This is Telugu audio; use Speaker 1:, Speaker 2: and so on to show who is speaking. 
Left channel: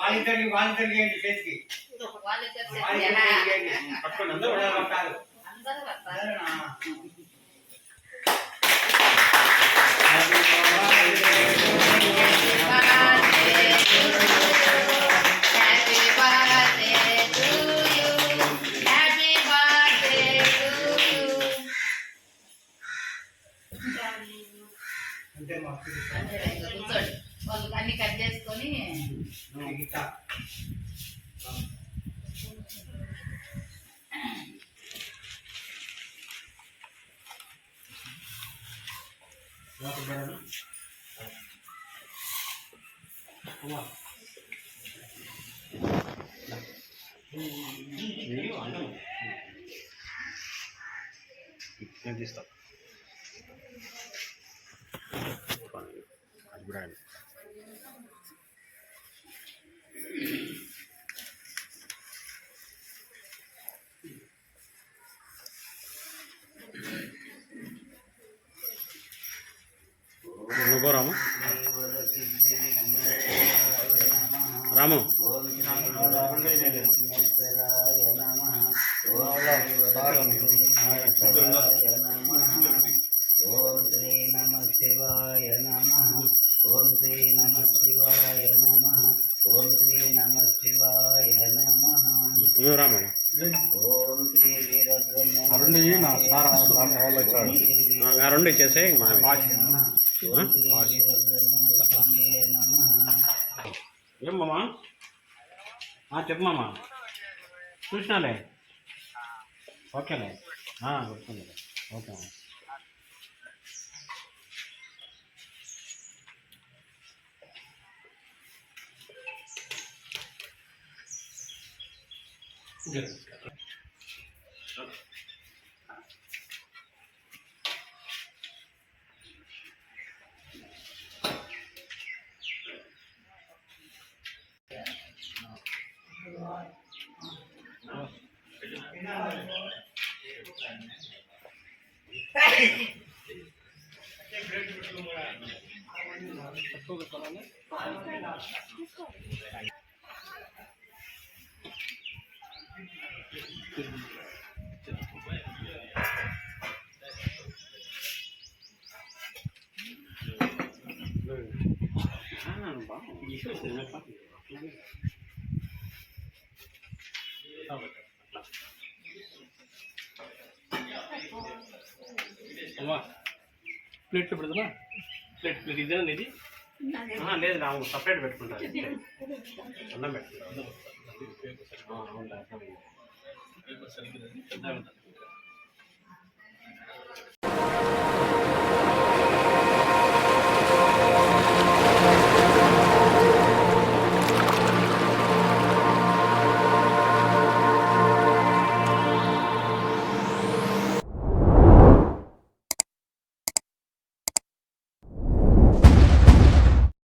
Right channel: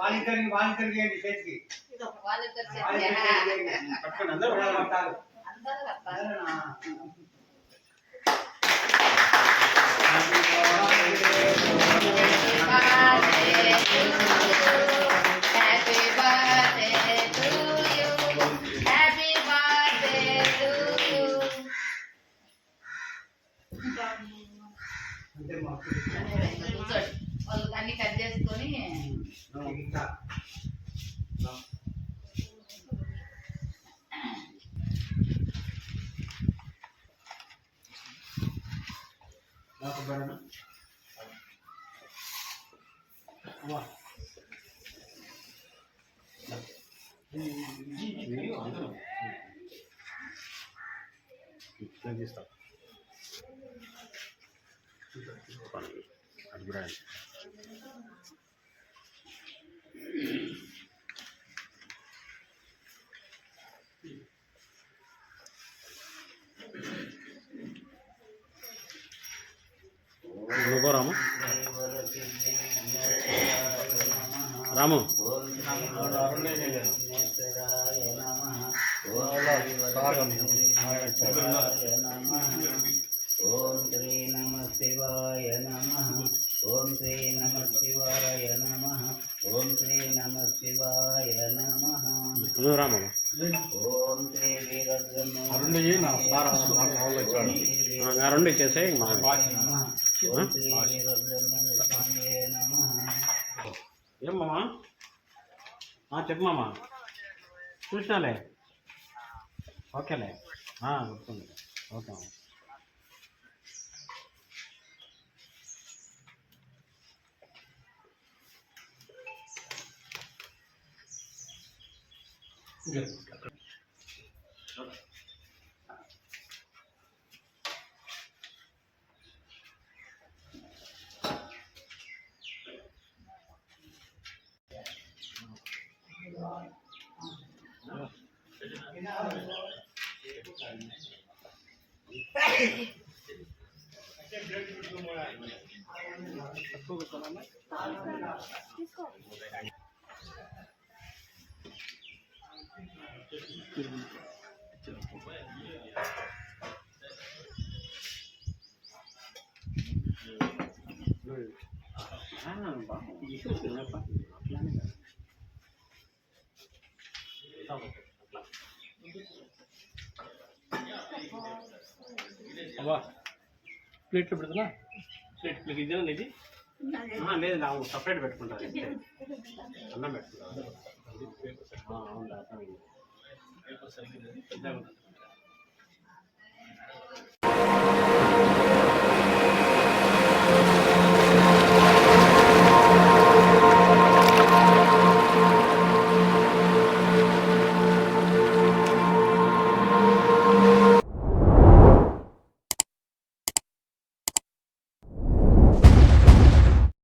Speaker 1: వాలంటీర్లు వాలంటీర్లు చేయండి చేతికి వాలంటీర్ చేయండి
Speaker 2: పక్కన అందరూ
Speaker 1: అందరూ
Speaker 3: కూర్చోండి. వాళ్ళు అన్ని కట్ చేసుకొని.
Speaker 2: నేను అంటాను. అది నువ్వు రాము రాము
Speaker 4: ఓం శ్రీ నమ శివాయ నమ. ఓం శ్రీ నమ శివాయ నమ. ఓం శ్రీ నమ శివాయ నమ. ఓం శ్రీ వీరబ్రహ్మ.
Speaker 2: ఆ రెండు ఇచ్చేసే మా
Speaker 4: ఓం శ్రీ వీరబ్రహ్మ స్వామియే నమ.
Speaker 2: ఏం మామా? చెప్పు మామా. చూసినాలే? ఓకేలే. గుర్తుంది ఓకే じゃないですか。
Speaker 5: తీసుకోవాలి అమ్మా ప్లేట్లో పెడతానా ప్లేట్ ప్లేట్ ఇదేనా ఇది
Speaker 2: ఆ, లేదు నా సపరేట్ పెట్టుకుంటాను అన్నం పెట్టుకుంటాను అవును అర్థమైంది పేపర్
Speaker 5: సరిగ్గా పెద్దగా